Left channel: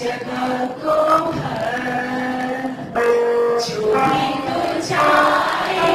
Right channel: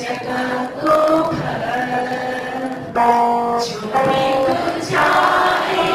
जगह को भर जो बिक जाए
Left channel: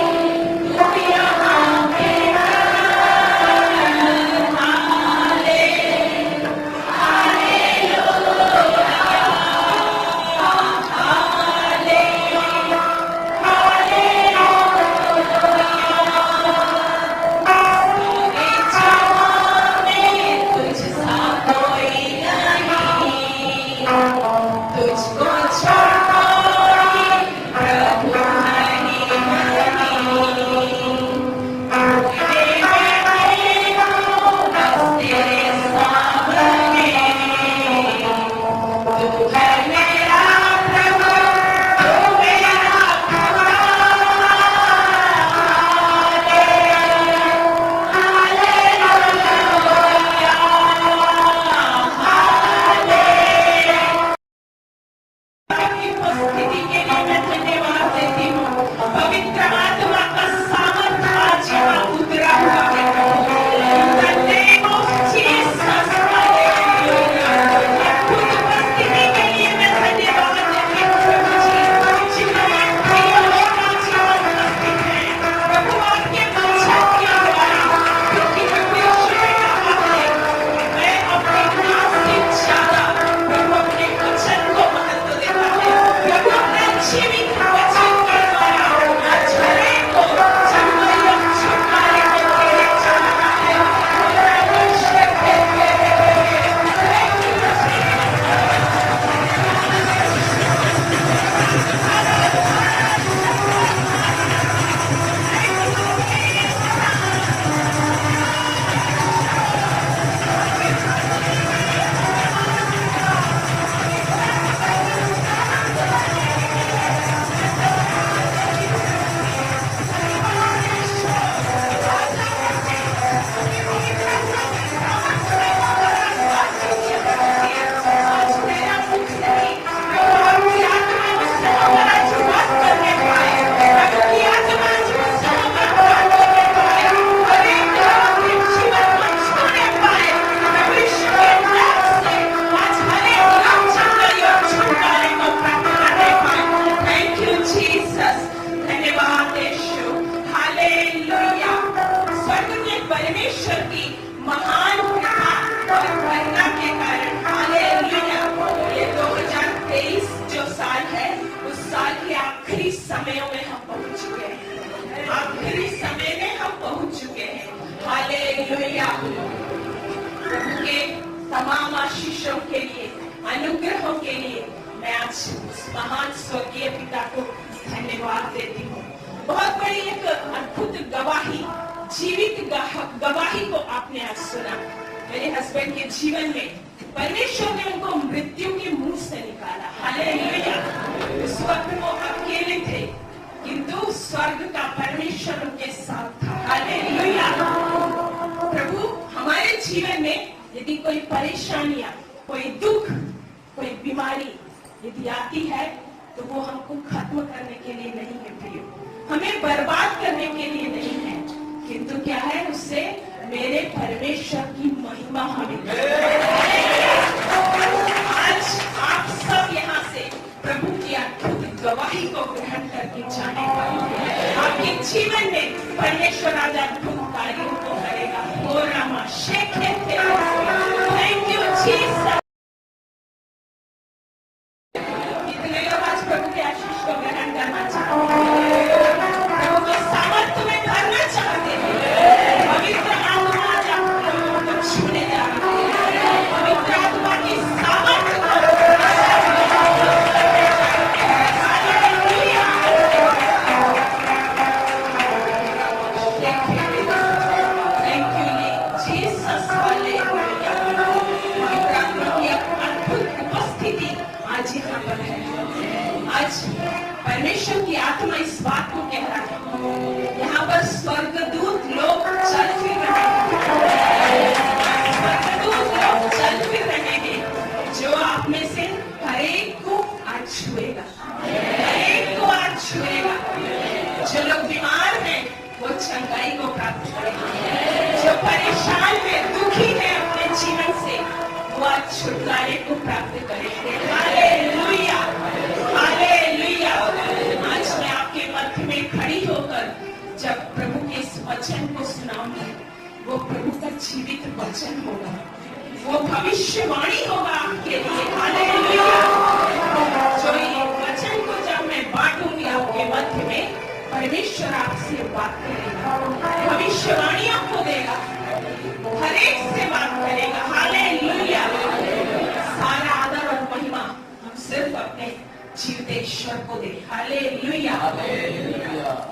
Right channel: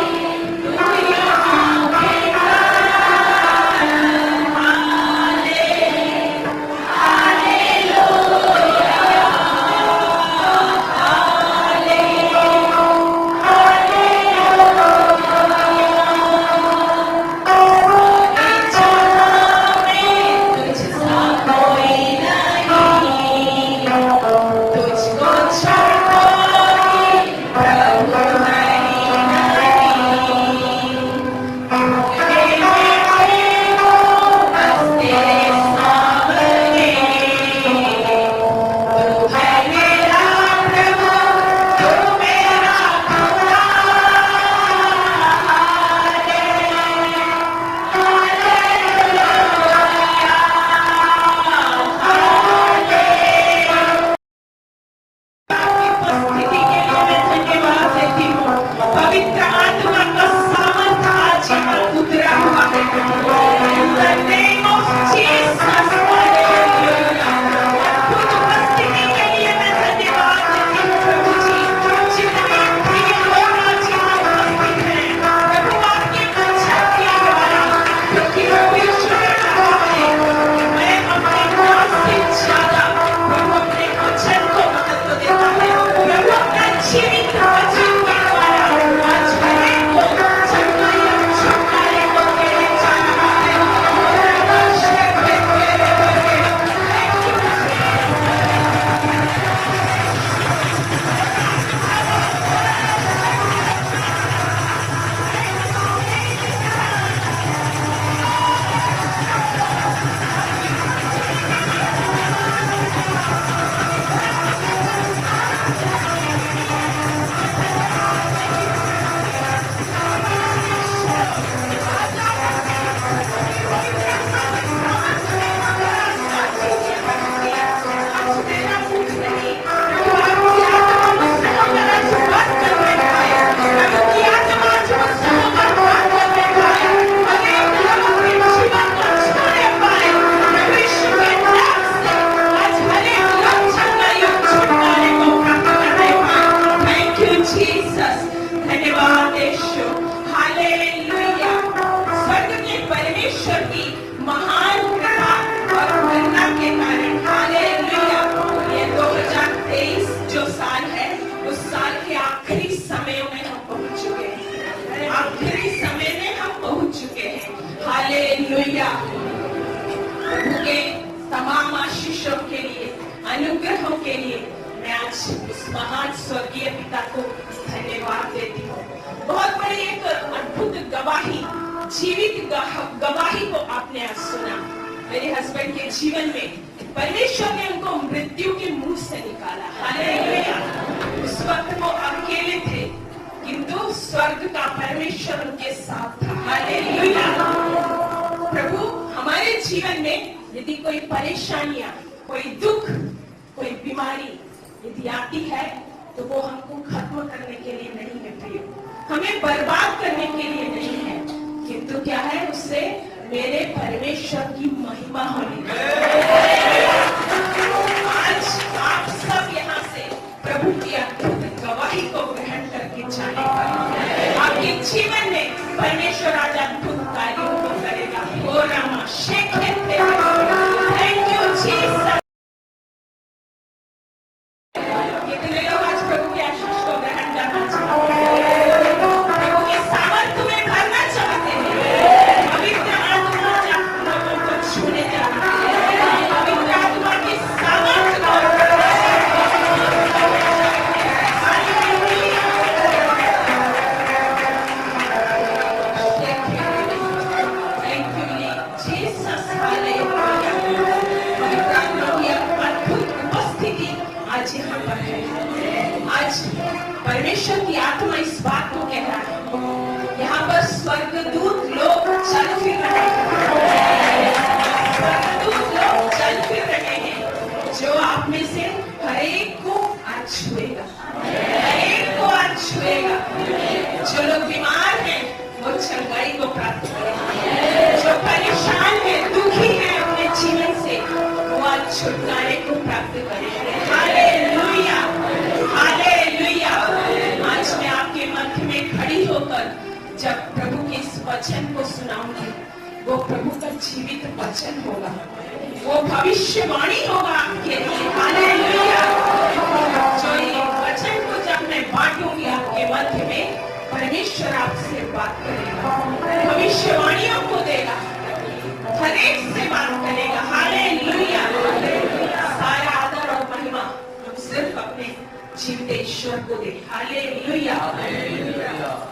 दुनिया में प्रभु के तमाम आशीषों के लिए, अनुग्रहों के लिए मैं आज उस महान स्वर्गीय पिता को धन्यवाद देती हूँ। बहुत बड़ी एक अद्भुत गवाही, जीवित गवाही को आपने आज सुना। मेरे हस्बैंड के जीवन में परमेश्वर ने उनको मृत्यु के मुंह से निकाला। हालेलुया। उस वक्त वो अकेले थे, किंतु स्वर्ग का परमेश्वर उनके साथ था। हालेलुया। प्रभु हमारे जीवन में यदि कोई परेशानियां, कोई दुख, कोई बीमारी यदि आती है तो वो हमको खत्म करने के लिए नहीं है प्रिय, हमें बर्बाद करने के लिए नहीं है, किंतु क्या है, उससे मेरे परमेश्वर की महिमा होनी चाहिए। आज आप सब यहाँ से प्रभु की अद्भुत गवाही को ग्रहण करके जाने पाएंगे। आपके जीवन में परमेश्वर आज अद्भुत कार्यों को करेगा। हो रामा शेखे थैंक यू जीसस। कितने लोग आज प्रभु के आशीष को ग्रहण करना चाहते हैं, प्रभु के सामर्थ्य में भरना चाहते हैं, पवित्र आत्मा लोगों को छूने जाते हैं, पवित्र आत्मा की सामर्थ्य को परमेश्वर की आत्मा इस बात को कह रहा है, यहाँ पर स्वर्गदूत लोग चल फिर रहे हैं, स्वर्गदूत लोग चल फिर रहे हैं, जो आप में से हर एक को आज छुएगा, हर एक को आज छुएगा। जो लोग बीमार हैं वो चंगाई को प्राप्त करेंगे, जो परेशान है, दुखी है अपने जीवन से, वो आज छुटकारे को प्राप्त करेंगे। Hallelujah, hallelujah. आज मैं आपके मध्य में खड़ी होकर जब प्रभु के इस वचन को सुनाऊंगी, वो प्रभु का जीवित वचन होगा, वो भविष्यवाणी होगा आपके लिए। हालेलुया। जो ये वचन को जब मैं बांटूंगी आपके मध्य में, परमेश्वर आपसे बात करेगा, भविष्यवाणी आपको देगा, हर एक से बात करेगा। हालेलुया। सारा आदर और महिमा सिर्फ अपने जीवित ईश्वर को दे। हालेलुया।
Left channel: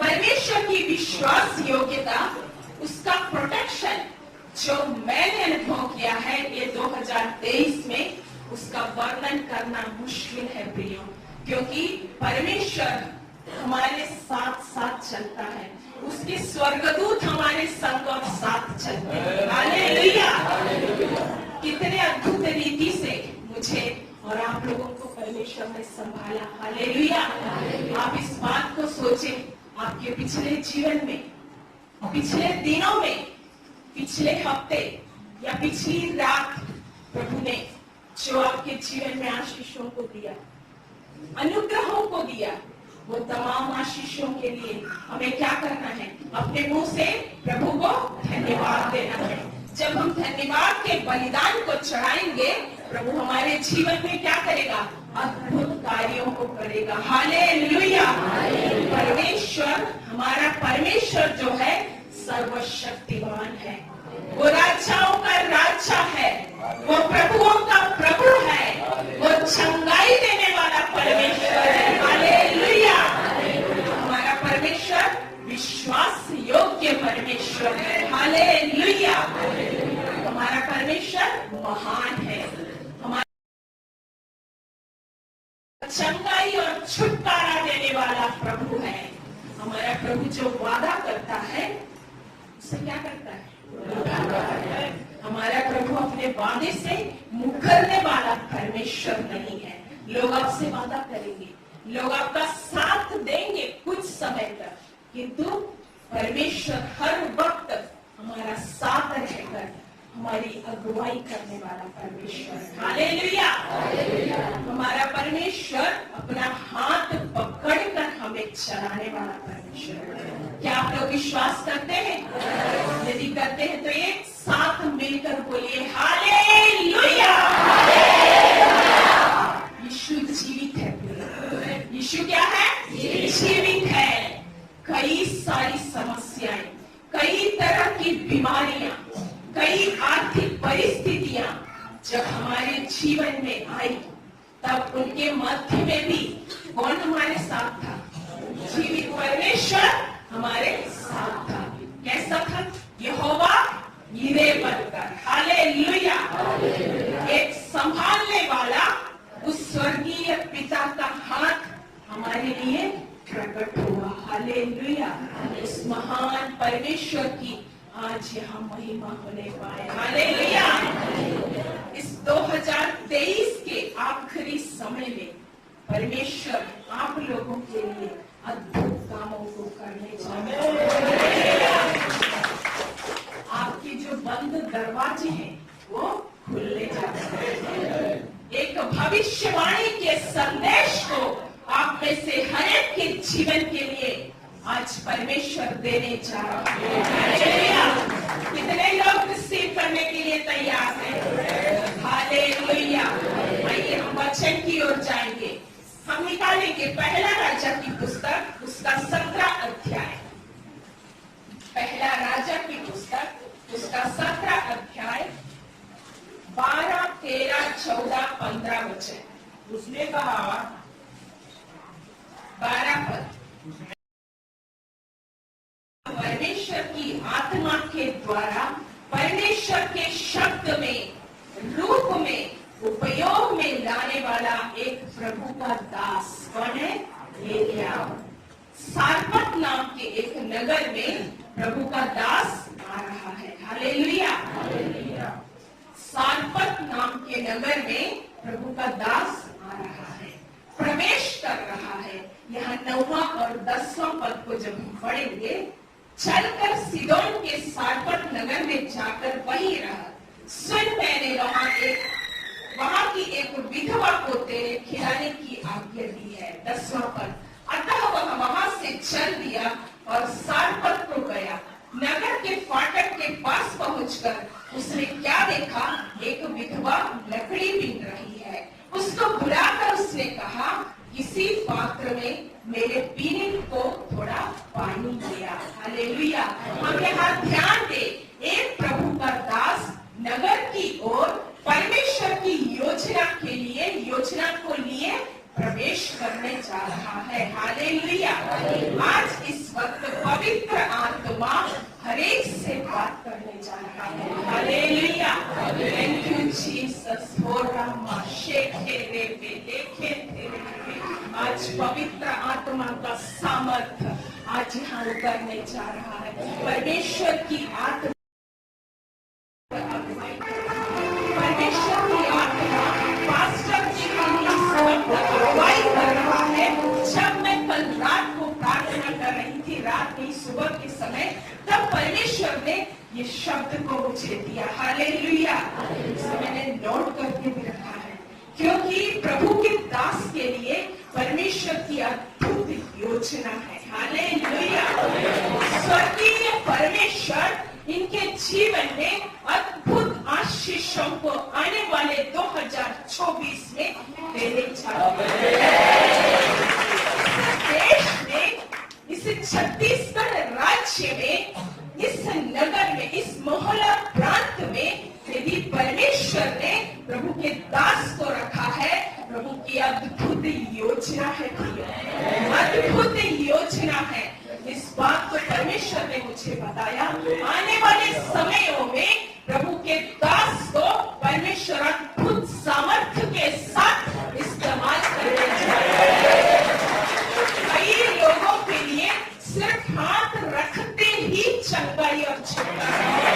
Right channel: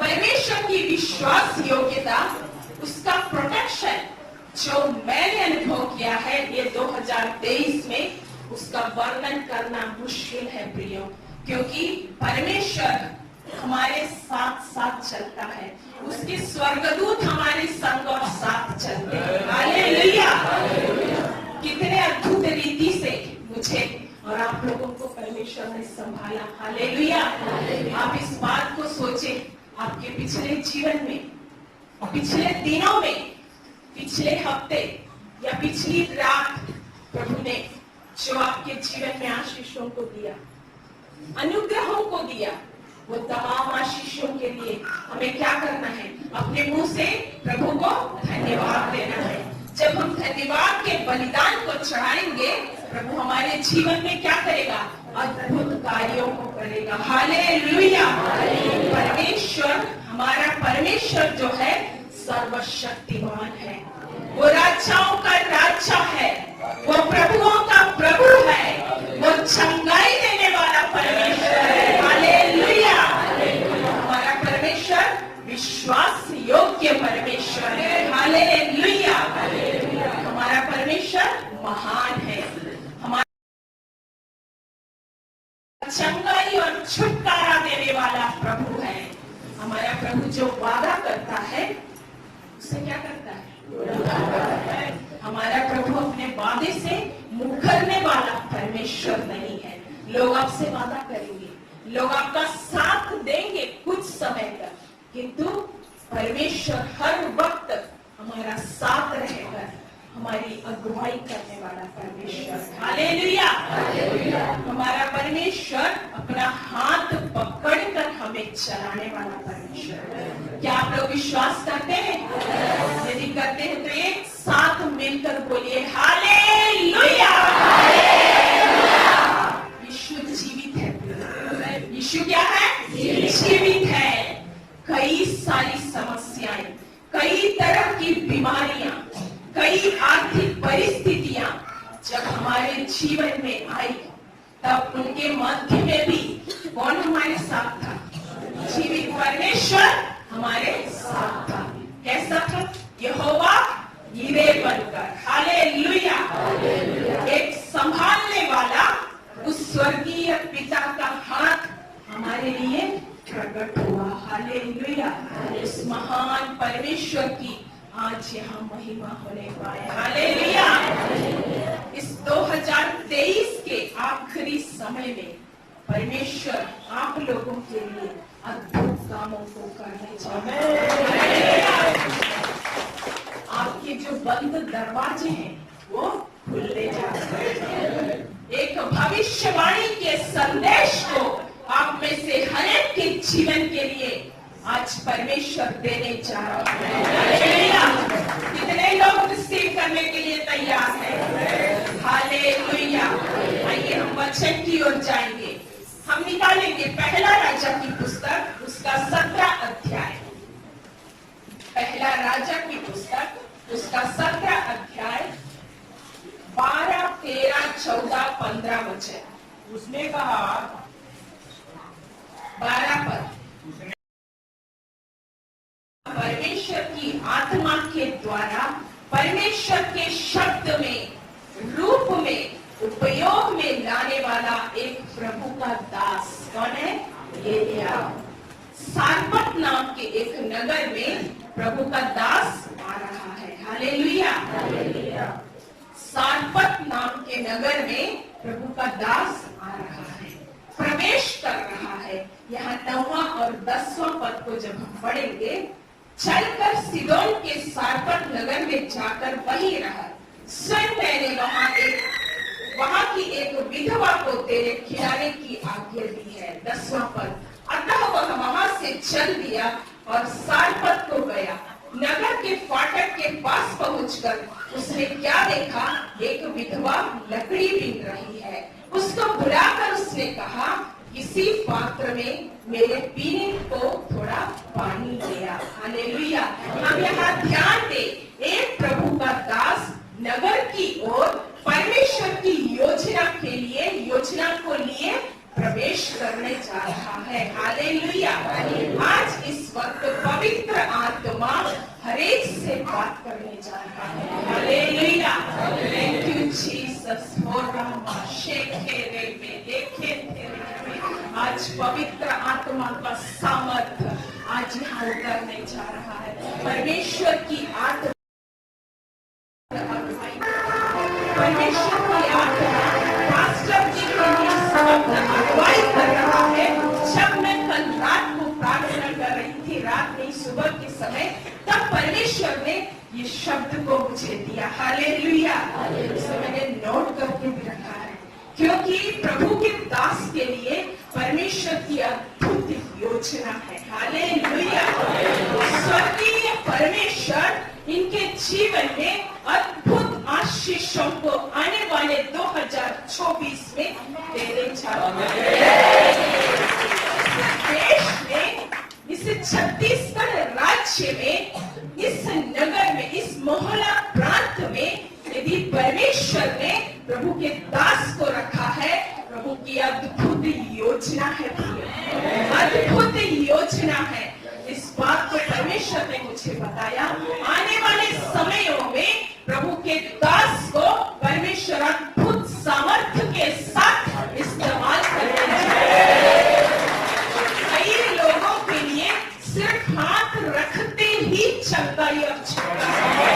परमेश्वर की विश्वास योग्यता, उसका प्रोटेक्शन जो मैंने अनुभव किया है ये 2023 में, उसका वर्णन करना मुश्किल है प्रियो, क्योंकि परमेश्वर हमारे साथ साथ चलता है, उसके स्वर्गदूत हमारे संग और साथ चलते हैं। हालेलुया। कितने अद्भुत रीति से मुझे और आप लोगों को परमेश्वर ने संभाला। हालेलुया। आप इस बात को सोचें, आपके पिछले जीवन में, पिछले दिनों में, पिछले हफ्ते या पिछली रात प्रभु ने जो आपके जीवन में आशीषों को दिया, अनुग्रहों को दिया, वो तमाम आशीषों के लिए हमें क्या करना है? अपने मुंह से प्रभु को धन्यवाद देना है। जब हम धन्यवाद के बलिदान को चढ़ाएंगे, प्रभु हमारे जीवन में क्या करेगा? अद्भुत कार्यों को करेगा। हालेलुया। परमेश्वर, हमारा परमेश्वर जो है सर्वशक्तिमान है, वो राजाओं का राजा है, वो प्रभुओं का प्रभु है, वो चंगाई देने वाला परमेश्वर है। हालेलुया। हमारा परमेश्वर विश्वास योग्य परमेश्वर है। हालेलुया। हमारा परमेश्वर महान है, हमारा चंगाई और छुटकारा देने वाला प्रभु है। हमारा प्रभु जो वादा करता है उससे क्या करता है? हमारा प्रभु अपने वादे से मुकरने वाला परमेश्वर नहीं है। लोग आपसे वादा करेंगे, लोग आपका साथ देंगे कुछ समय तक, किंतु परमेश्वर हर वक्त हमारा साथ रहकर हमारी अगुवाई करने वाला परमेश्वर। हालेलुया। हमारा परमेश्वर अपना हाथ पकड़कर हमें चलाने वाला परमेश्वर। क्या आप लोग विश्वास करते हैं? यदि करते हैं तो एक साथ मिलकर बोलिए हालेलुया। यीशु जीवित है। यीशु क्या है? जीवित है। कई सारी समस्याएं, कई तरह की बीमारियां, कई आर्थिक परिस्थितियां जब हमारे जीवन में आई, तब उनके मध्य में भी कौन हमारे साथ था? जीवित परमेश्वर हमारे साथ था। कैसा था? यहोवा यीरे बनकर। हालेलुया। एक संभालने वाला उस स्वर्गीय पिता का हाथ हमारे लिए प्रकट हुआ। हालेलुया। इस महान परमेश्वर की आज यहाँ महिमा होने पाए। हालेलुया। इस 2023 के आखिरी समय में परमेश्वर आप लोगों के लिए अद्भुत कामों को करने जा रहे हैं। आपके जो बंद दरवाजे हैं वो खुलने जा रहे हैं। एक भविष्यवाणी के संदेश को आप में से हर एक के जीवन के लिए आज परमेश्वर देने जा रहा है। कितने लोग रिसीव करने के लिए तैयार हैं? हालेलुया। आइए हम वचन की ओर जाएंगे। हम निकालेंगे पहला राजा की पुस्तक, उसका 17 अध्याय। पहला राजा की पुस्तक, उसका 17 अध्याय, 12, 13, 14, 15 वचन। उसने कहा, 12 पद। परमेश्वर की आत्मा के द्वारा परमेश्वर के शब्द में, रूप में, उपयोग में लाने वाला एक प्रभु का दास कौन है? एलिया। सारपत नाम के एक नगर में प्रभु का दास आ रहा है। हालेलुया। सारपत नाम के नगर में प्रभु का दास आ रहा है, प्रवेश कर रहा है। यहाँ 9वां और 10वां पद को जब हम पढ़ेंगे, चलकर सिदोन के सारपत नगर में जाकर वहीं रहा। स्वयं मैंने वहां एक विधवा को तेरे खिलाने की आज्ञा दी है। 10वां पद, अतः वह वहां से चल दिया और सारपत को गया। नगर के फाटक के पास पहुंचकर उसने क्या देखा, एक विधवा लकड़ी बीन रही है। उसको बुलाकर उसने कहा, किसी पात्र में मेरे पीने को थोड़ा पानी दिया। हालेलुया। हम यहाँ ध्यान दे, एक प्रभु का दास नगर की ओर परमेश्वर की योजना को लिए प्रवेश करने जा रहा है। हालेलुया। आज इस वक्त पवित्र आत्मा हरेक से बात करने जा रहा है। हालेलुया। Thank you Jesus. आज पवित्र आत्मा का सामर्थ्य आज यहाँ उतरने जा रहा है। परमेश्वर की आत्मा पास्टर जी के लिए अगुवाई कर रहा है। जब मैं कल रात को प्रार्थना कर रही थी, रात नहीं सुबह के समय, तब परमेश्वर ने ये शब्द को मुझे दिया। हालेलुया। इसे मैंने नोट करके भी रखा है, क्योंकि प्रभु के दास के लिए परमेश्वर की अद्भुत योजना है। हालेलुया। स्वर्गीय परमेश्वर इनके जीवन में अद्भुत आशीषों को आने वाले 2024 में देने जा रहे हैं। देश में, इस छत्तीसगढ़ राज्य में, इस नगर में, इस मोहल्ला प्रांत में यदि परमेश्वर ने प्रभु के दास को रखा है, प्रभु की अद्भुत योजना है। अद्भुत योजना है। इस बात को परमेश्वर ने मुझे बताया। आने वाले समयों में प्रभु के दास को परमेश्वर अद्भुत सामर्थ्य के साथ इस्तेमाल करने जा रहे हैं। कई लोगों के लिए सिर्फ हाथ रखते ही चंगाई और छुटकारा है।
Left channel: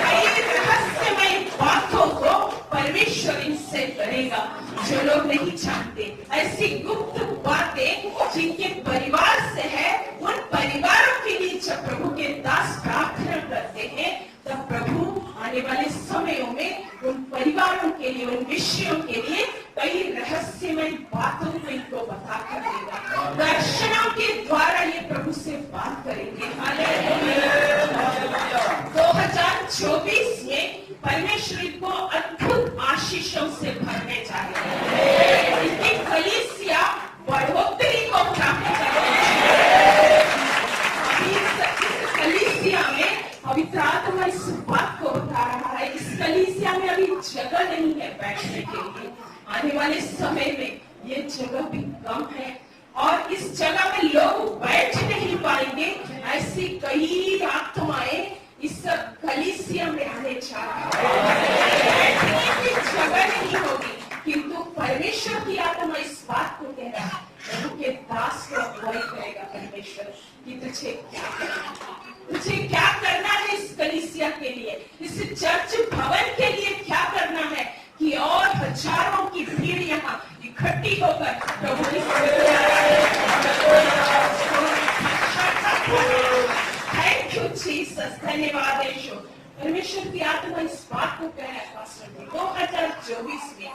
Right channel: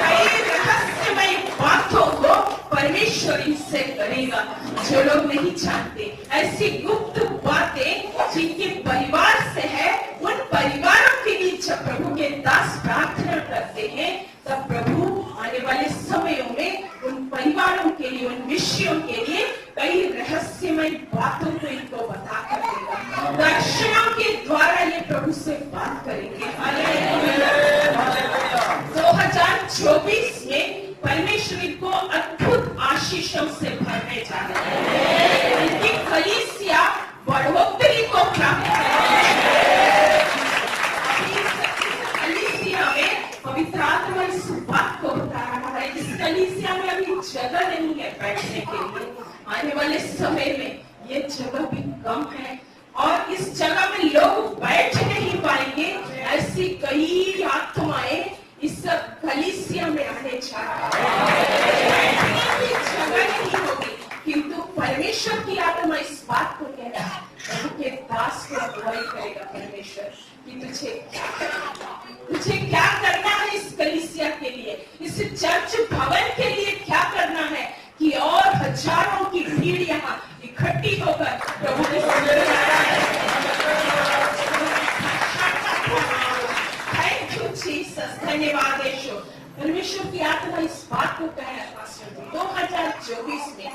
कई रहस्यमय बातों को परमेश्वर इनसे करेगा जो लोग नहीं जानते। ऐसी गुप्त बातें जिनके परिवार से है, उन परिवारों के लिए जब प्रभु के दास प्रार्थना करते हैं, तब प्रभु आने वाले समयों में उन परिवारों के लिए, उन विषयों के लिए कई रहस्यमय बातों को इनको बता कर देगा। दर्शनों के द्वारा ये प्रभु से बात करेंगे। 2024 में परमेश्वर को अद्भुत आशीषों से भरने जा रहे हैं। इनकी कलीसिया बढ़ोतरी को प्राप्त करेगी। कलीसिया में पवित्र आत्मा इस बात को बता रहा है, इस कलीसिया में अभी जगह नहीं है बैठने के लिए। आने वाले समय में ये जगह भी कम है और इस जगह में लोग बैठ नहीं पाएंगे। ऐसी कई आत्माएं इस कलीसिया में आने जा रहा है। बैठने की जगह नहीं होगी, किंतु परमेश्वर की आत्मा इस बात को कह रहा है, प्रभु के दास को अगुवाई करेगा परमेश्वर कि तुझे क्या करना, तुझे क्या करना है इस कलीसिया के लिए, इस चर्च भवन के लिए क्या करना है कि और हजारों की भीड़ यहाँ इकट्ठी होकर प्रभु की थैंक यू जीसस। धन्यवाद यीशु। परमेश्वर की आत्मा इस बात को कह है पास्टर जी, 2024 में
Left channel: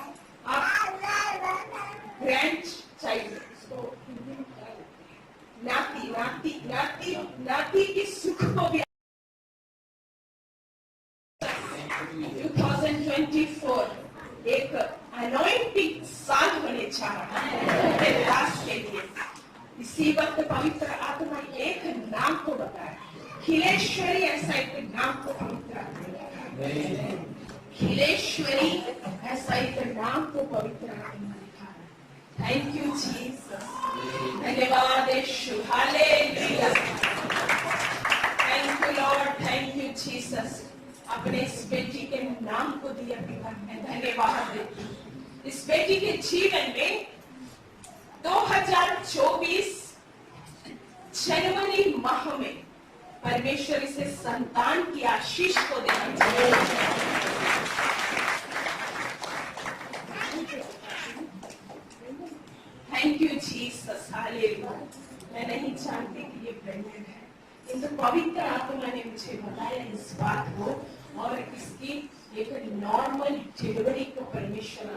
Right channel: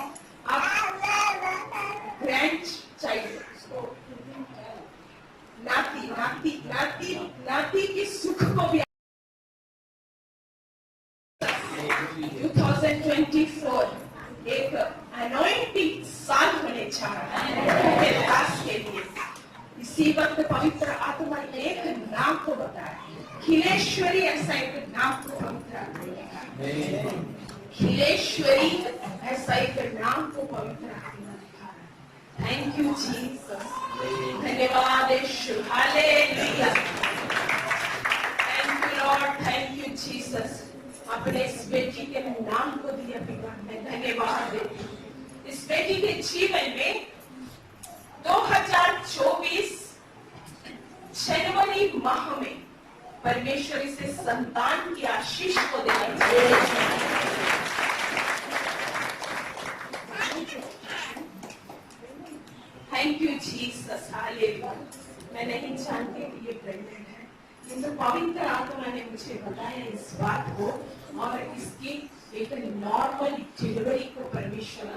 आप ग्रैंड चाइल्ड नाती की सुख को भी 2024 एक अनॉइंटिंग साल होने जा रहा है दास के लिए। इसी वक्त पवित्र आत्मा एक नाम को बताया, खिलेश्वरी। ऐसा एक नाम को पवित्र आत्मा बताया, खिलेश्वरी। ऐसा एक नाम को पवित्र आत्मा बताया। Thank you Jesus. धन्यवाद यीशु। Hallelujah. Thank you Lord. Thank you Jesus. अपने इस बेटी के नाम को दिया पिता ने, धन्यवाद। इस बेटी के जीवन में 2024 जनवरी माह में परमेश्वर इसे संतान की आशीष को देना चाहिए। Thank you Jesus. हालेलुया। मैं नहीं जानती कि ये प्रेग्नेंट है, किंतु पवित्र आत्मा ने मुझे बताया इस बात को और इसकी एक नॉर्मल डिलीवरी को परमेश्वर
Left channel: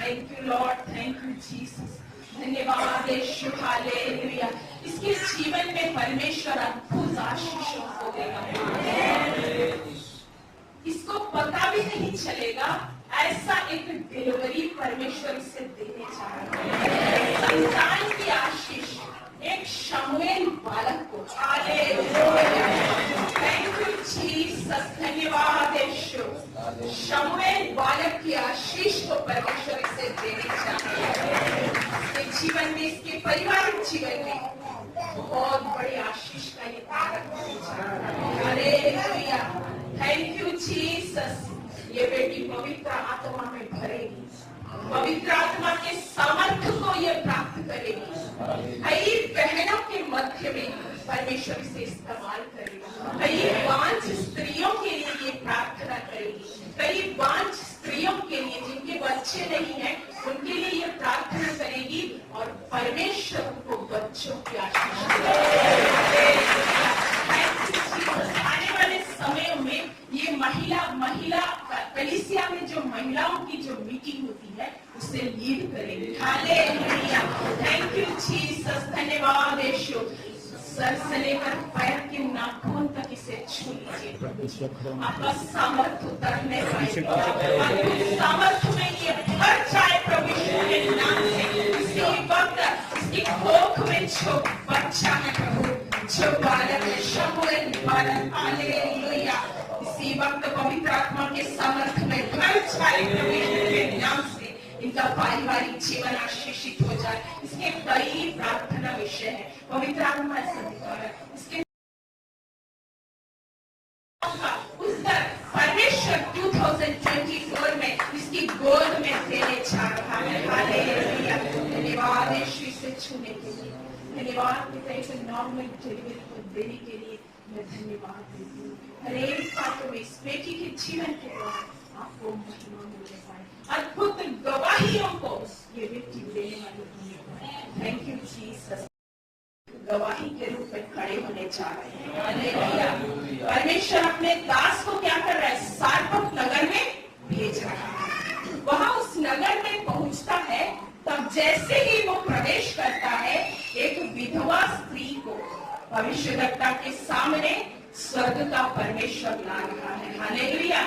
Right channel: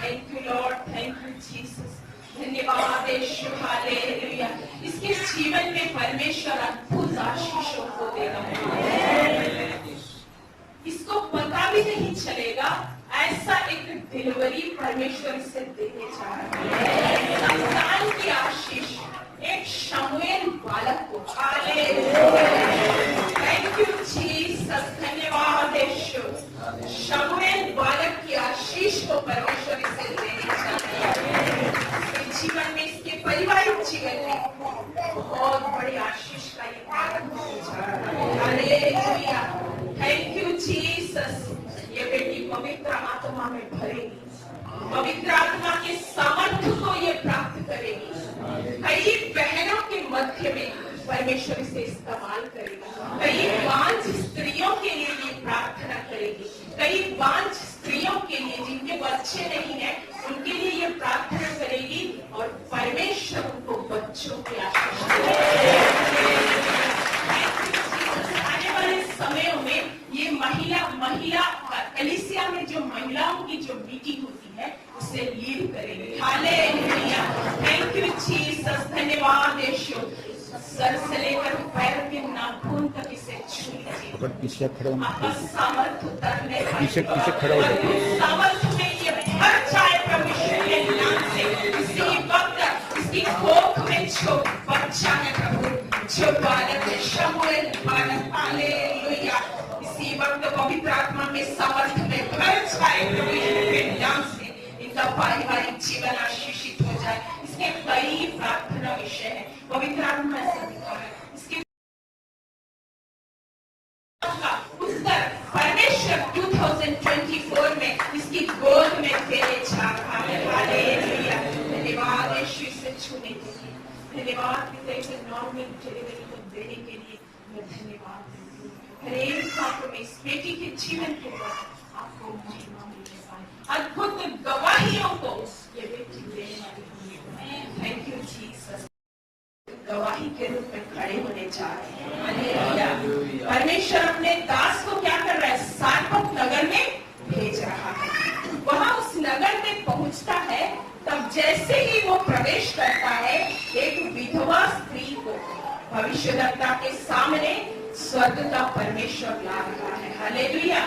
thank you Lord, thank you Jesus, धन्यवाद यीशु, हालेलुया। इसके जीवन में परमेश्वर अद्भुत आशीषों को देगा। इसको पता भी नहीं चलेगा, ऐसा एक डिलीवरी परमेश्वर इसे देने जा रहा है। संतान की आशीष एक शमूएल बालक को, थैंक यू जीसस, धन्यवाद यीशु। शमूएल बालक की आशीष को परमेश्वर इसे देने जा रहा है। इसके जीवन में, इसके पारिवारिक जीवन में बहुत बड़ी आशीष का ये बालक होने जा रहा है। Hallelujah, thank you Jesus. ये बेटी पवित्र आत्मा में भरेगी, पवित्र आत्मा के सामर्थ्य को ये प्राप्त करेगी। कई बहनों के मध्य में परमेश्वर इसे इस्तेमाल करेगा। कई बांझ स्त्रियों के लिए ये प्रार्थना करेगी। कई बांझ स्त्रियों के लिए जिनके बच्चे नहीं है, उनके लिए ये प्रार्थना करेगी और परमेश्वर उनको बच्चों की आशीष देगा। आने वाले समयों में ये महिला कलीसिया में जो महिलाओं की जो मीटिंग होती है उसे लीड करेगी। हालेलुया, थैंक यू जीसस, धन्यवाद यीशु। सर से लेकर पैर के नाखून तक इसे छू लीजिए। आपका सामर्थ्य उतरने सामर्थ्य में ये भर जाए परमेश्वर के नाम से। इसी वक्त इसकी कोख में जो बच्चा है प्रभु, जो बालक है, शमूएल बालक, हालेलुया, इसी वक्त पवित्र आत्मा के सामर्थ्य में भर जाए परमेश्वर के नाम से। इनका पारिवारिक जीवन आशीषित हो जाए। इसके कई प्रार्थना विषय है, पवित्र आत्मा ऐसा दिखा है। इसके उत्तर परमेश्वर 2024 में इसकी गोद में देने जा रहा है। हालेलुया, धन्यवाद यीशु इसे छूने के लिए, धन्यवाद पिता इसे नॉर्मल डिलीवरी को देने के लिए मैं धन्यवाद देती हूँ। हर एक बातों में इस बेटी के जीवन के द्वारा आपको महिमा मिलने पाए, अद्भुत गवाहियों को ये बेटी देने वाली है। Thank you Jesus. गवाही के रूप में खड़े होने जा रहे हैं। हालेलुया, परमेश्वर अपने दास को क्या कर रहा है, सारपत नगर में भेज रहा है। वहां उस नगर में पहुंचता है, तब जैसे ही वो प्रवेश करता है, एक विधवा स्त्री को भविष्यद्वक्ता के सामने स्वर्ग का परमेश्वर ला रहा है। हालेलुया,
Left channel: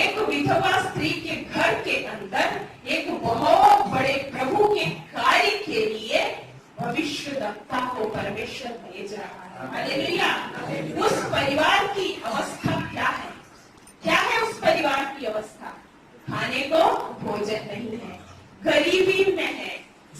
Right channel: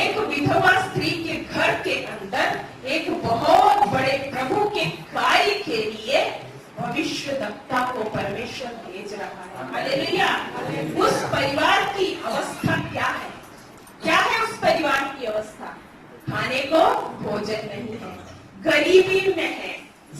एक विधवा स्त्री के घर के अंदर एक बहुत बड़े प्रभु के कार्य के लिए भविष्यद्वक्ता को परमेश्वर भेज रहा है। हालेलुया, उस परिवार की अवस्था क्या है? क्या है उस परिवार की अवस्था? खाने को भोजन नहीं है, गरीबी में है,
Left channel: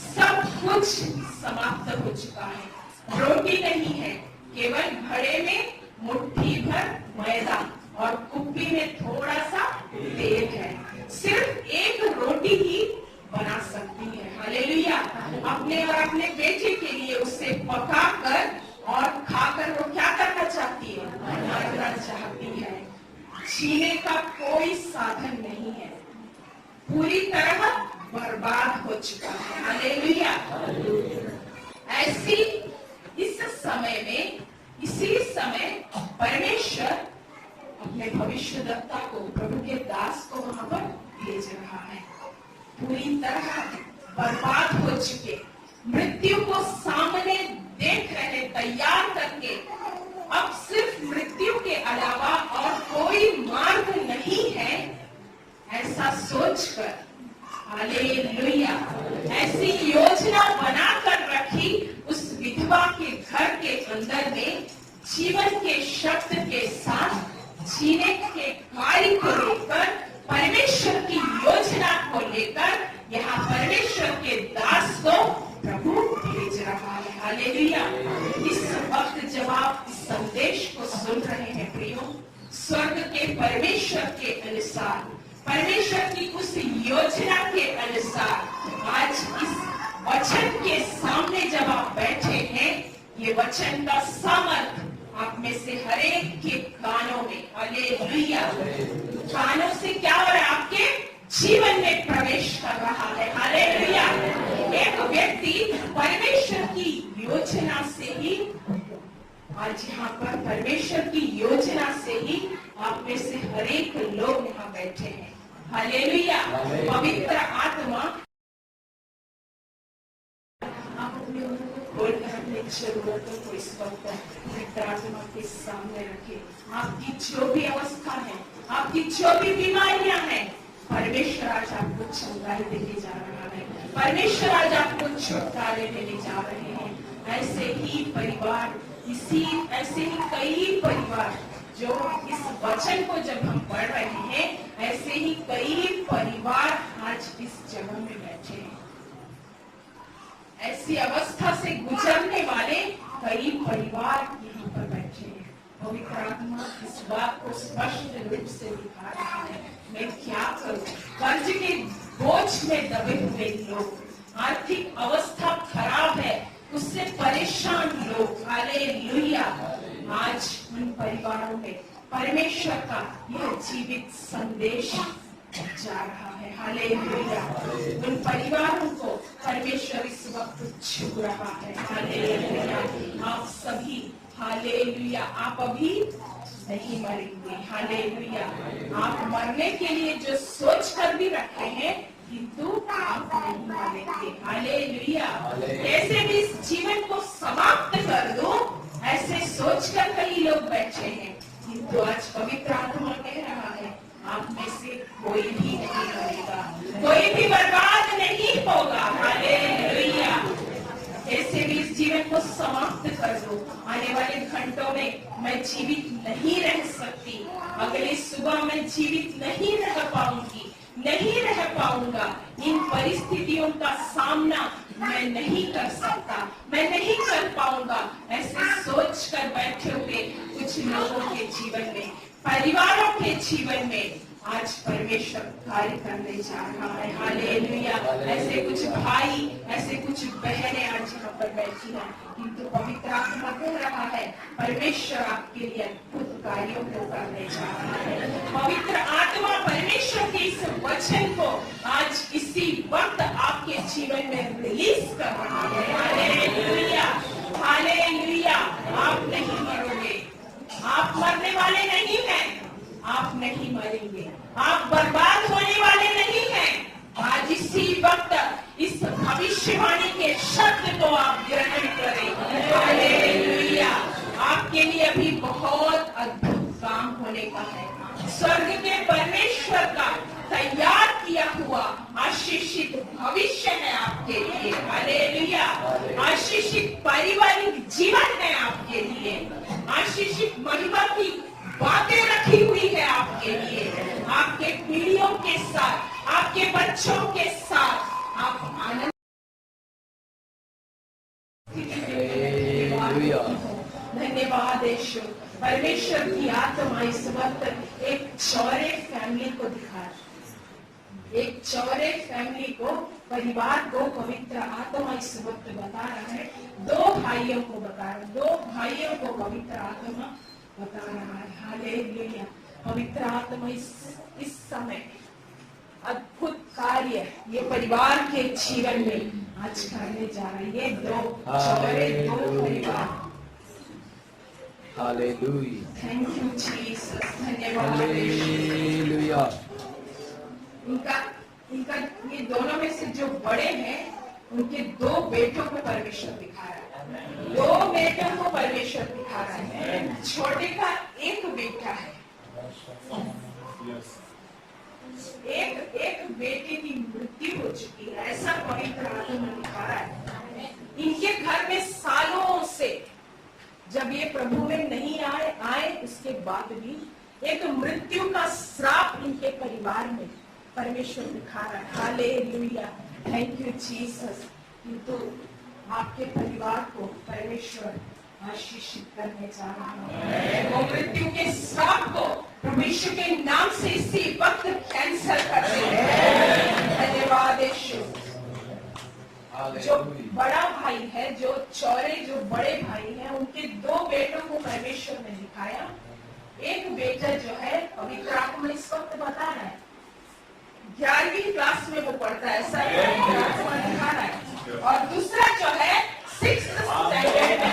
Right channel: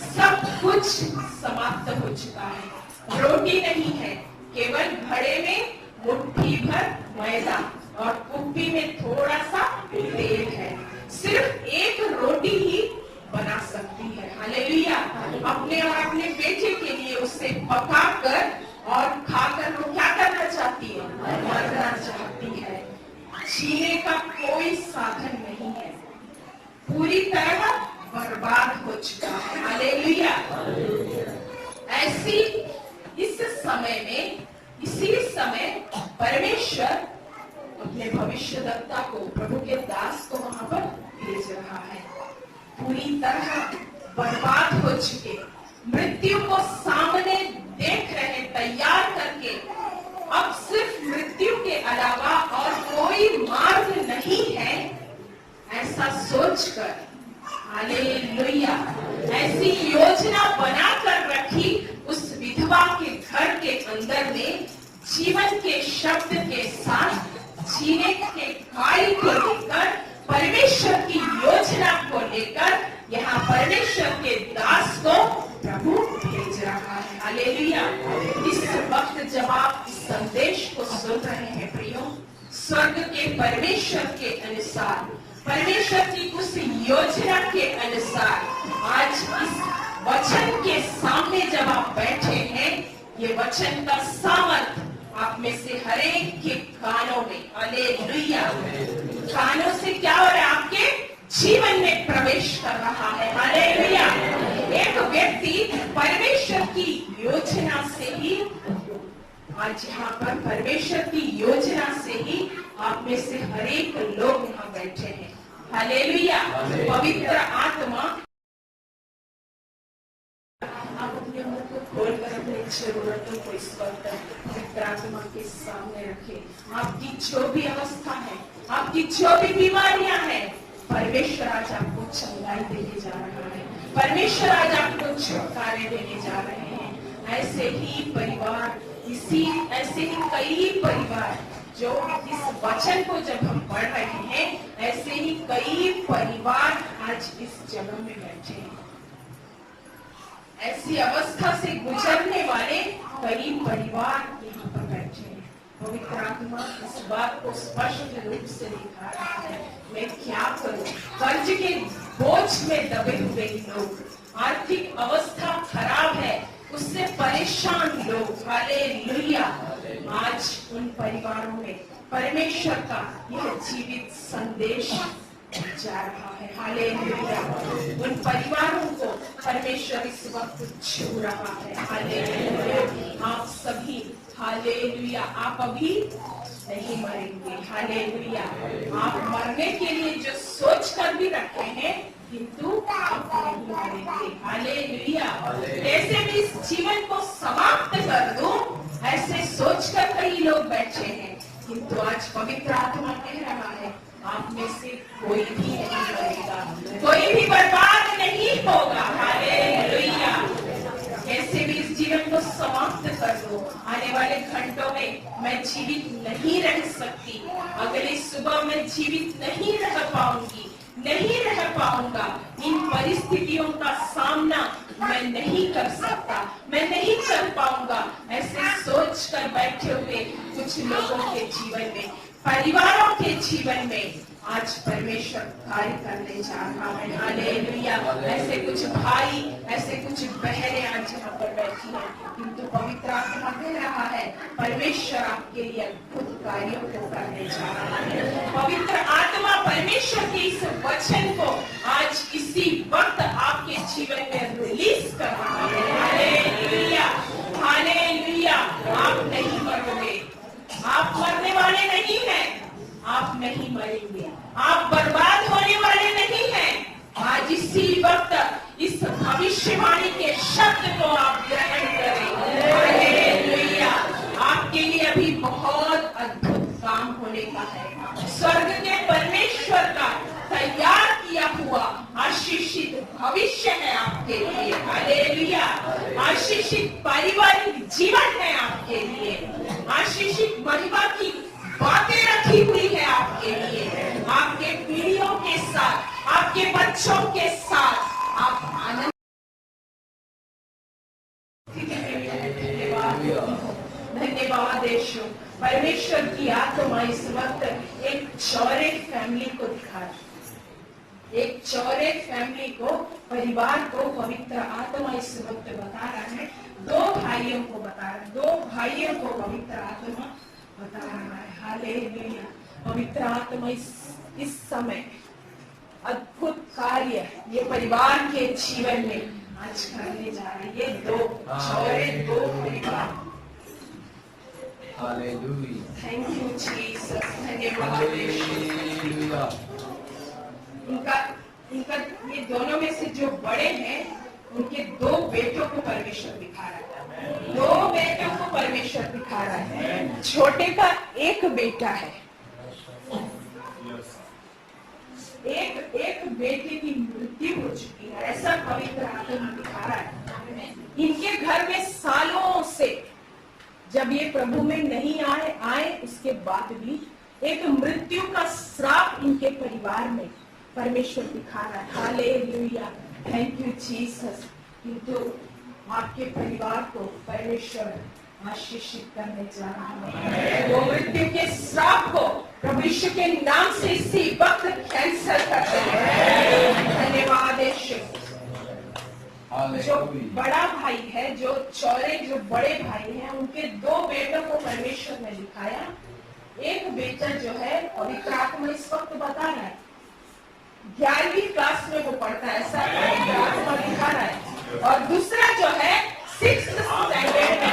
सब कुछ समाप्त हो चुका है, रोटी नहीं है, केवल घड़े में मुट्ठी भर मैदा और कुप्पी में थोड़ा सा तेल है। सिर्फ एक रोटी ही बना सकती है। हालेलुया, अपने और अपने बेटे के लिए उसे पकाकर और खाकर वो क्या करना चाहती है, मरना चाहती है। जीने का कोई साधन नहीं है, पूरी तरह बर्बाद हो चुका है। हालेलुया, ऐसी इस समय में, इसी समय परमेश्वर अपने भविष्यद्वक्ता को, प्रभु के दास को वहां पर भेज रहा है। पूरी तरह बर्बाद हो चुके, मृत्यु को सामने देख रहे, तैयार करके, अब सिर्फ मृत्यु के अलावा और कोई मार्ग नहीं है, ऐसा सोचकर, हालेलुया, ऐसी योजना बनाकर रखी उस विधवा के घर के अंदर में जीवन के शब्द के साथ जीने के कार्य को लेकर, परमेश्वर की योजना को लेकर यहाँ परमेश्वर के दास को प्रभु भेज रहा है। हालेलुया, इस वक्त जब आप इस संदेश को सुन रहे हैं प्रियो, स्वर्ग के परमेश्वर के अनुसार, परमेश्वर की उस योजना के अनुसार आज इस वचन के सामने जब आप बैठे हैं, ये वचन का सामर्थ आप में से हर एक के कानों में, हालेलुया, कानों से क्या हो रहा है, आपके जीवन में प्रवेश कर रहा है। हालेलुया, एक व्यक्ति परमेश्वर की योजना से ही आज यहाँ पर परमेश्वर की योजना से ही आप में से हर एक लोग यहाँ बैठे हैं। हालेलुया। पवित्र आत्मा, आप अपने मुंह को खोलकर अपनी जरूरतों को इस वक्त पवित्र आत्मा के सामने रखें। आपकी जो भी अवस्था है, आपकी जो भी बीमारियां हैं, परमेश्वर आज आपको चंगाई देने जा रहा है। परमेश्वर आज आपको छुटकारे देने जा रहे हैं। ऐसे ही परिवार, ऐसे ही कई परिवार जो इस वचन को जब हम पढ़ रहे हैं, ऐसे ही कई परिवार आज इस जगह में बैठे हैं। ऐसी अवस्था से गुजरने वाले कई परिवार यहाँ पर बैठे हैं। पवित्र आत्मा इस बात को स्पष्ट रूप से दिखा रहा है, मैं क्या करूं? कर्ज के बोझ में दबे हुए लोग, आर्थिक अवस्था खराब है, उससे परेशान लोग, हालेलुया, आज उन परिवारों में परमेश्वर का यह जीवित संदेश जा रहा है। हालेलुया। उन परिवारों को परमेश्वर इस वक्त छू रहा है। हालेलुया। आप सभी, हालेलुया, आप अभी नहीं मरेंगे। हालेलुया। आप मरने के लिए जो सोच कर भी रखे हैं, किंतु आप नहीं मरेंगे। हालेलुया। कैसे भी इस जीवन को समाप्त कर दूं, ऐसे सोचकर कई लोग बैठे हैं, किंतु आज पवित्र आत्मा कह रहा है, आप में से कोई भी नहीं मरेगा, कोई भी बर्बाद नहीं होगा। हालेलुया। कैसे भी इस जीवन को समाप्त कर दो, आने वाले घंटों में मैं जीवित नहीं रह सकती, अगली सुबह मैं जीवित नहीं रह पाऊंगी, नहीं रह पाऊंगा, इन परिस्थितियों का सामना मैं नहीं कर सकता, मैं नहीं कर पाऊंगा, ऐसे सोच कर बैठे हुए कुछ लोगों के जीवन में, परिवारों के जीवन में आज परमेश्वर कार्य करने जा रहा है। हालेलुया। ऐसे कुछ भाई, ऐसे कुछ बहनें आज यहाँ पर बैठी हैं, किंतु पवित्र आत्मा कह रहा है, परमेश्वर आपके लिए अद्भुत कार्यों को करने जा रहा है। पवित्र आत्मा परमेश्वर के इस वचन को आज इसी वक्त आपके जीवन में रिलीज कर रहा है। हालेलुया। हालेलुया। आप नहीं मरोगे, आप मरने वाले नहीं हैं, आप नहीं मरेंगे, आप बर्बाद होने वाले नहीं हैं। आज इसी वक्त इस भविष्यवाणी के शब्द को आप ग्रहण करें। हालेलुया। आपके लिए अभी बहुत अद्भुत काम होने का है। स्वर्ग के परमेश्वर का तैयार किया हुआ आशीषित भविष्य है आपके लिए। हालेलुया। आशीषित पारिवारिक जीवन है आपके लिए, आशीषित महिमा की बातें रखी हुई है आपके लिए, आपके पीढ़ियों के साथ, आपके बच्चों के साथ आप आनंद। धन्यवाद यीशु। परमेश्वर की आत्मा इस वक्त एक चौरे फैमिली को दिखा रही है, एक चौरे फैमिली को, परिवार को पवित्र आत्मा इस वक्त बता रहा है। दो भाइयों को बता रहा है, दो भाइयों को पवित्र आत्मा बता रहा है। हालेलुया। पवित्र आत्मा इस समय अद्भुत कार्य ये परिवार के जीवन में आज करने जा रहे हैं। ये दो चौरे, दो परिवार। हालेलुया। Thank you Jesus. धन्यवाद। इनका ये दोनों में से जो बड़े हैं, उनके दो बेटों को परमेश्वर दिखा रहा है, दो बेटों को परमेश्वर दिखा रहा है। छोटे का एक बेटा है, एक बेटे की मृत्यु हो चुकी है, ऐसा पवित्र आत्मा दिखा रहा है। इनके घर में सालों से, जब ये प्रभु में नहीं आए उसके बाद भी एक मृत्यु का श्राप इनके परिवार में परमेश्वर दिखा रहा है। हालेलुया। Thank you Jesus. किंतु आपके परिवार को परमेश्वर आशीषित करने जा रहा है। वो मृत्यु के श्राप को प्रभु यीशु के नाम से इसी वक्त कैंसल कर रहे हैं। धन्यवाद यीशु। जो बड़ा भाई है, जो चौरे, जो बड़े भाई हैं, उनके दो बेटों को परमेश्वर ने दिखाया। एक बेटा जो है पवित्र आत्मा इस वक्त बता रहा है, 11वीं क्लास में वो पढ़ता है, ऐसा पवित्र आत्मा दिखा रहा है। और दूसरा जो है 6th स्टैंडर्ड में।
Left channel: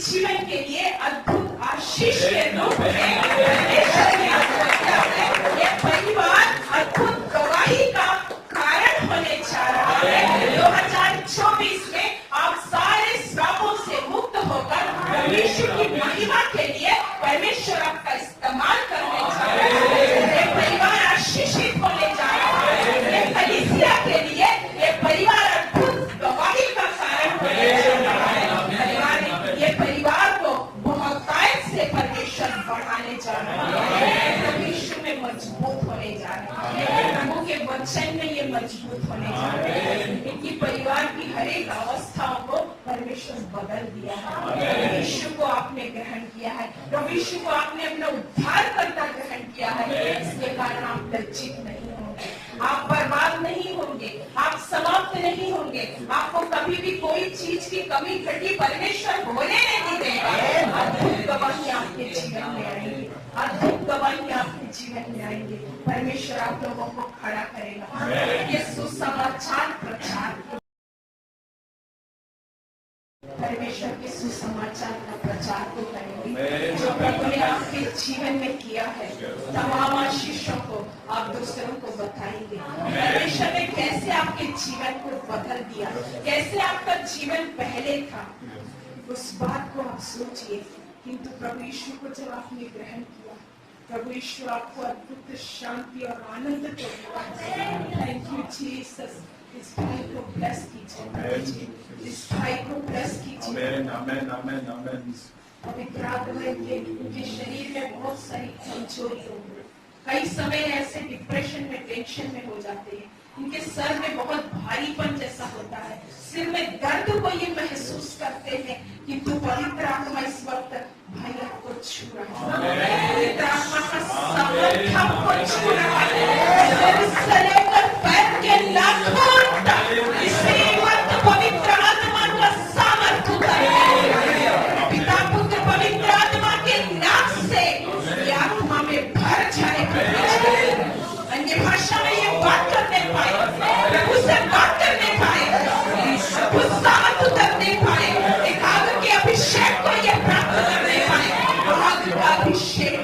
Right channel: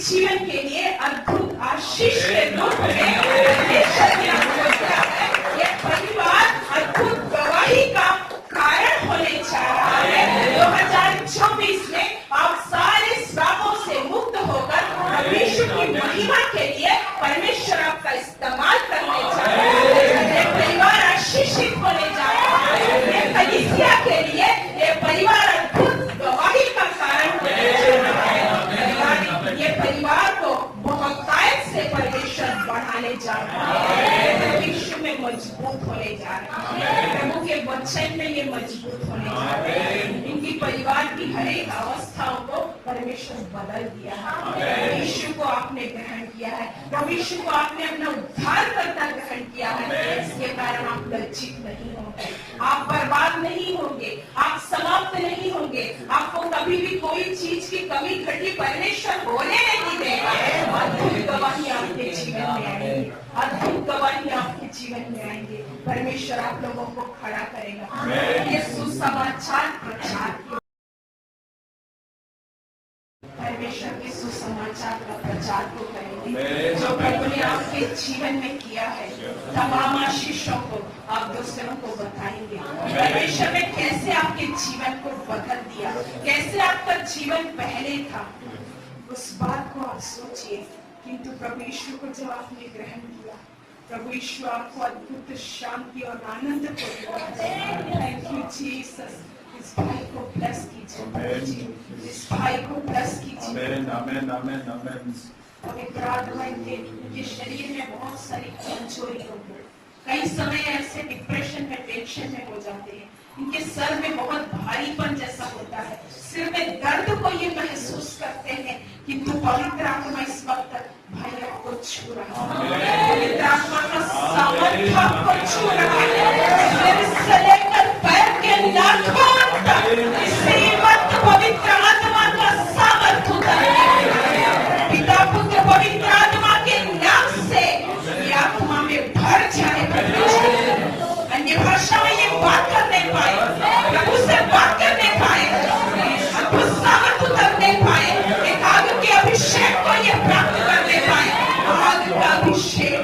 जीवन के लिए अद्भुत आशीष के रूप में परमेश्वर ने आपको रखा है। ये परिवार अद्भुत गवाही का कारण होने जा रहा है। 2024 में आप सारे श्रापों से मुक्त होकर परमेश्वर की महिमा के लिए परमेश्वर आपका इस्तेमाल करने जा रहे हैं। ये परिवार आशीषित होने जा रहा है। ये कलीसिया के लिए ये परिवार अद्भुत गवाही का कारण होने जा रहा है। ये परिवार को बहुतायत से परमेश्वर बढ़ाने जा रहा है। विश्व में मजबूत होने जा रहा है। प्रभु के वचन में ये मजबूत होने जा रहे हैं। इनकी परिवार की हर एक अवस्थाओं को परमेश्वर बदल दिया है। यीशु को आपने ग्रहण किया है। प्रभु यीशु को आपने अपना उद्धारकर्ता ग्रहण किया है। इसके कारण आप लज्जित नहीं होंगे, आप बर्बाद नहीं होंगे, आप समाप्त नहीं होंगे। आपको कभी भी कोई चीज की कमी घटी परमेश्वर होने नहीं देगा। अद्भुत गवाही आपके जीवन में आएंगे, अद्भुत गवाही आपके जीवन में आएंगे। परमेश्वर आप लोगों को खड़ा करेगा। ये सुसमाचार प्रचार, परमेश्वर के सुसमाचार का प्रचार को करेंगे जो प्रभु ने आपके जीवन में किया है। तमाम आशीषों को आप दूसरों को बताएंगे। परमेश्वर ने कैसे आपके जीवन को बदल दिया, कैसे आपका जीवन पहले था, उस बात को आप सोचिए। किंतु प्रभु यीशु को जब आपने ग्रहण किया, प्रभु यीशु आपको अद्भुत शांति और आनंद को दिया। Thank you Jesus. इस भाई को ब्लेस कीजिए, इस भाई को ब्लेस कीजिए। आमेन आमेन आमेन। पवित्र आत्मा इनके शरीर में बहुत सारी कमजोरी होगी। कई समय ऐसे डिप्रेशन में, टेंशन में हो जाते हैं। इनके सर में बहुत भारीपन जैसा होता है, सिर में दर्द को ये महसूस करते हैं। किंतु पवित्र आत्मा इस वक्त भाई आपको छू रहा है। पवित्र आत्मा का सामर्थ्य आपको छू रहा है। सिर से लेकर पैर के नाखून तक इसी वक्त पवित्र आत्मा का सामर्थ्य उतर है। पिता पुत्र पवित्र आत्मा के नाम से ये आत्मा में भर जाएगा। अन्य भाषा में ये बात करने पाए, प्रभु से बात करने पाए, अद्भुत सामर्थ्य उतरने पाए, एक आग के अभिषेक को ये प्राप्त करने पाए। आग का अभिषेक,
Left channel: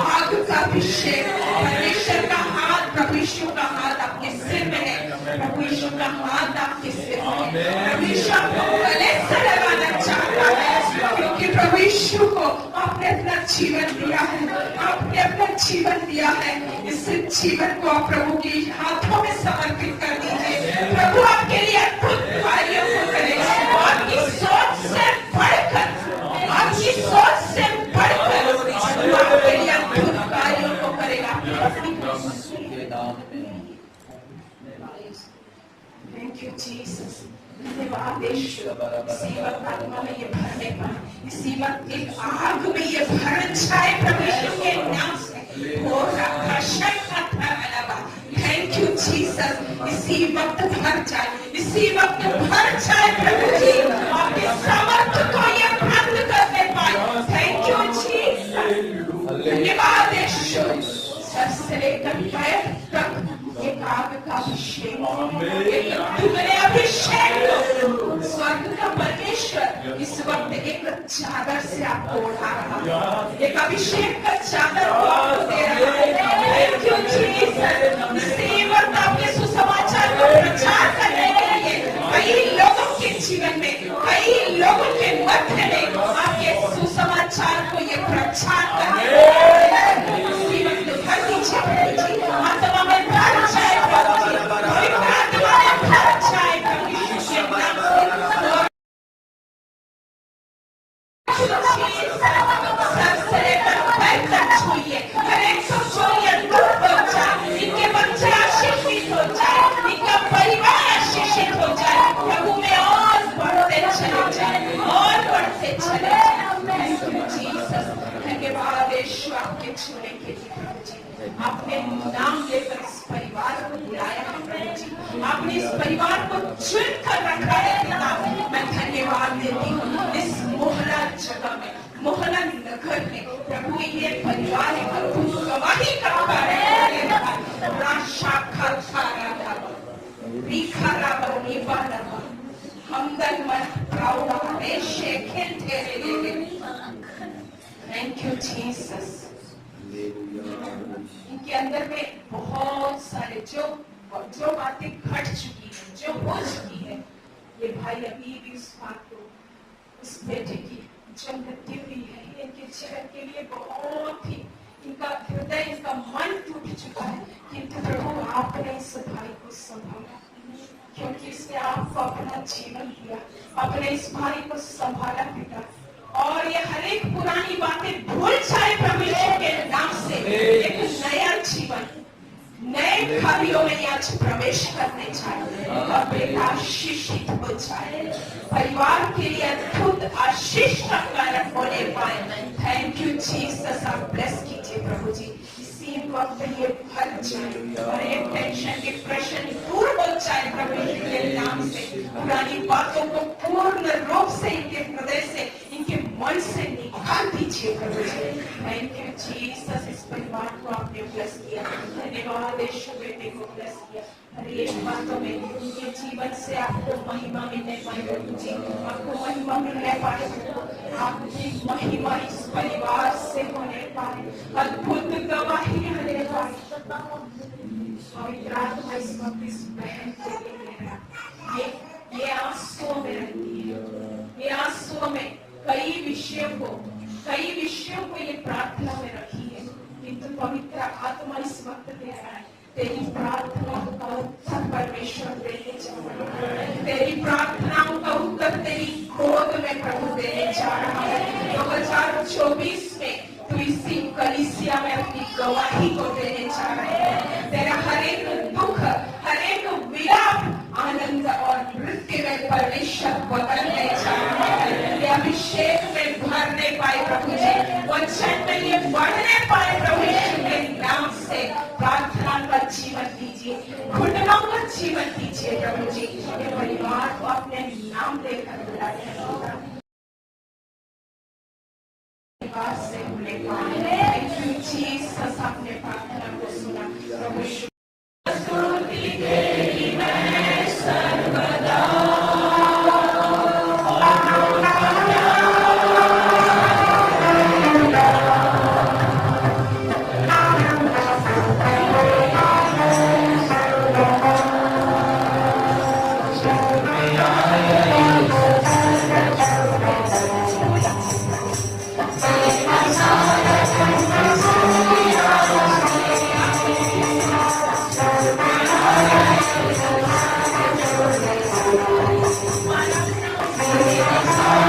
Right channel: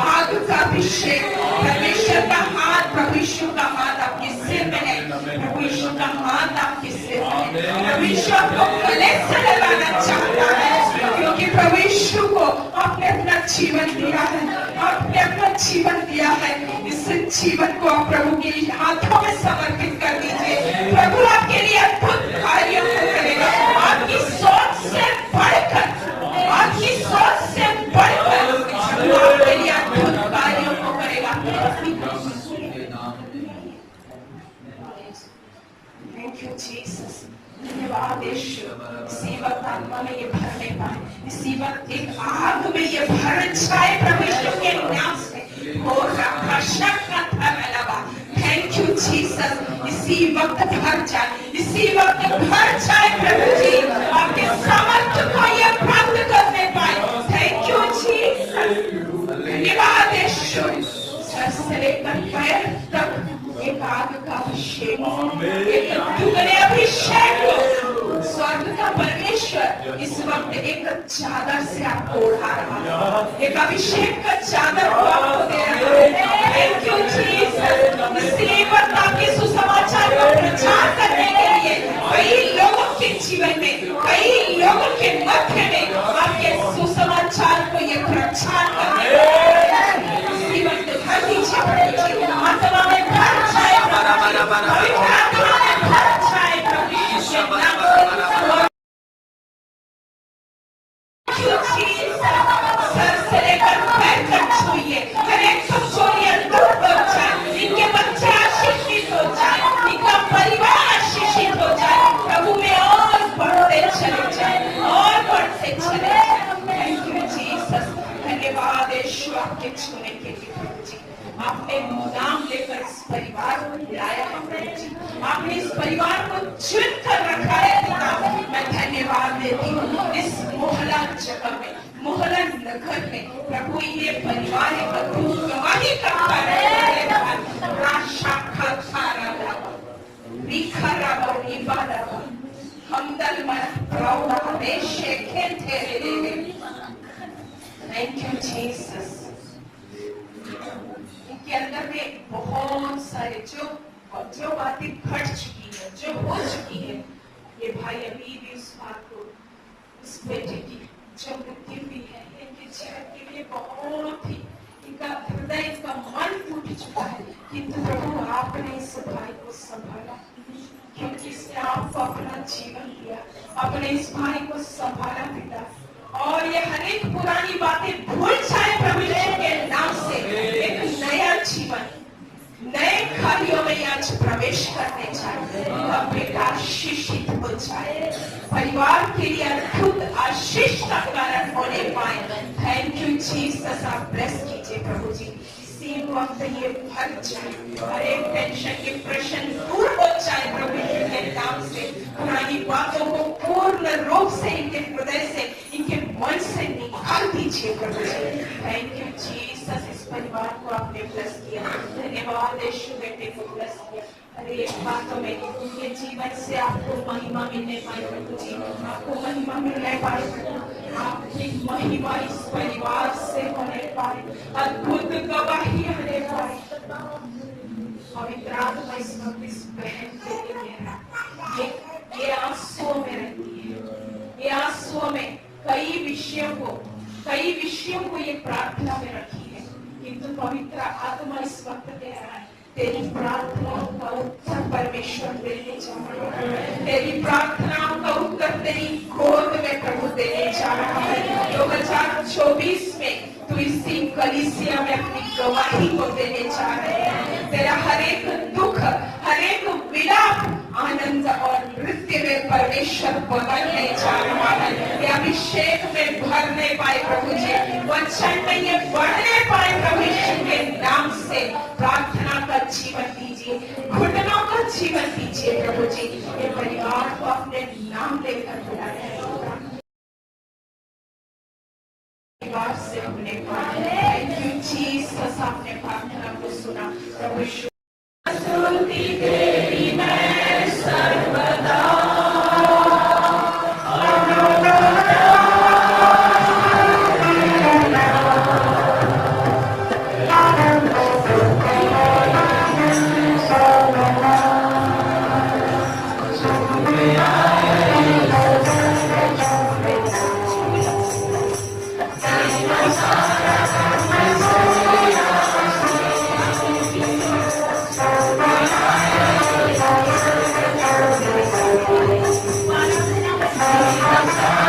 आग का अभिषेक। परमेश्वर का हाथ, प्रभु यीशु का हाथ आपके सिर में है। प्रभु यीशु का हाथ आपके सिर में है। प्रभु यीशु आपको गले से लगाना चाहता है, क्योंकि प्रभु यीशु को आपने अपना जीवन दिया है, आपने अपना जीवन दिया है। इस जीवन को आप प्रभु के हाथों में समर्पित कर दीजिए। प्रभु आपके लिए अद्भुत कार्यों को करेगा। आपकी सोच से बढ़कर, आपकी सोच से बढ़कर आपके लिए अद्भुत कार्यों को करेगा। Thank you Jesus. धन्यवाद यीशु। इसी वक्त आत्मा में ये भरने पाए, इसी वक्त एक आग में ये भर जाए प्रभु यीशु के नाम से। हो रहा शक्का था लगा। Thank you Jesus. इसी वक्त भर जाए, इसी वक्त भर जाए प्रभु जी। आपके सामर्थ्य को ये प्राप्त करने पाए। Thank you Jesus. धन्यवाद यीशु। सर से लेकर पैर तक एक आग का अभिषेक, एक दुगने अभिषेक। स्वर्ग का परमेश्वर इस वक्त एक चादर से आपको उड़ा रहा है, एक अभिषेक का चादर को आपको दे रहा है। Thank you Jesus. इसी वक्त आपके सुसमाचार का प्रचार करने के लिए कई लोगों के जीवन में, कई लोगों के मध्य में आपके सुसमाचार को ये प्रचार करने के लिए इसी वक्त भर दीजिए। आत्मा में भर जाए प्रभु जी, पवित्र आत्मा में भर जाए प्रभु यीशु के नाम से। सर से लेकर पैर तक छूइए, हर एक को छूइए, अद्भुत हो जाए। इनके बच्चे आशीषित हो जाए, इनका परिवार आशीषित हो जाए। प्रभु में और बढ़ते चले जाए, और बढ़ते चले जाए। Thank you Jesus. धन्यवाद यीशु आपके छूने के लिए प्रभु जी। आपने नाम लेकर इस परिवार को बुलाया है प्रभु जी। आपने इस परिवार को चुन कर रखा है पिता। मैं धन्यवाद देती हूँ। इस मोहल्ला जगह में, मोहल्ला नगर में प्रभु ये परिवार एक अद्भुत गवाही करता है। हमदल मन प्रौढ़ हमेशा खेलते रहे। Thank you Jesus. इनके अंदर में बहुत सारे जो बातें घट चुकी है, जो हो चुकी है, ये भाई अभी भी उस बात को, उस बेटे की जो मृत्यु हुई है, इनके जीवन के लिए बहुत ही इनका हृदय, इनका मन टूट चुका है। किंतु प्रभु आपने इस भाई को संभाला, क्योंकि इसने आपको अपना जीवन दिया, अपने इस भाई को संभाला पिता। और ये हर एक पुरानी बातें भूल जाए प्रभु यीशु के नाम से, एक नया जीवन नए कार्यों में आज प्रवेश करने जाए। और बेटा आशीषित हो जाए, परिवार के लिए अद्भुत आशीष का कारण होने पाए। Thank you Jesus. आप ब्लेस कीजिए प्रभु जी। इसी वक्त ये भर जाए, हर एक टेंशन, डिप्रेशन दूर हो जाए प्रभु यीशु के नाम से। पुरानी बातों को पूर्ण रूप से इनके हृदय से, इनके मन से निकाल दीजिए प्रभु जी। Thank you Jesus. इस परिवार को आपने ब्लेस किया, धन्यवाद यीशु। बेटे को ब्लेस किया, हर एक बातों में उनके जीवन से आपको महिमा मिलने पाए प्रभु जी, आपको महिमा मिलने पाए प्रभु। आपकी महिमा इस परिवार से होने पाए, अद्भुत गवाही होने पाए। पवित्र आत्मा इस वक्त इस बहन के लिए ये आंसुओं में रहती है, ये आंसुओं में कई विषयों को ये प्रार्थना में रखी है। किंतु पवित्र आत्मा इस वक्त कह रहा है, तेरी प्रार्थनाओं का उत्तर परमेश्वर देने जा रहा है। तेरी प्रार्थनाओं का उत्तर तेरी गोद में प्रभु देने जा रहा है। 2024 में तू इसी कलीसिया में अपनी गवाही को देने जा रहे हैं। तेरा हर एक दुख, हर एक विलाप आनंद और नृत्य में परमेश्वर बदलने जा रहा है। ये अभिषेक में भरने पाए प्रभु जी, वचन में ये बढ़ने पाए प्रभु यीशु के नाम से। प्रार्थना का जीवन दीजिए, घुटनों का जीवन दीजिए प्रभु जी। ये परिवार को अपने नाम लेकर बुलाया से हमने पाया। जीसस आपने प्रार्थना को सुना प्रभु यीशु। Yes.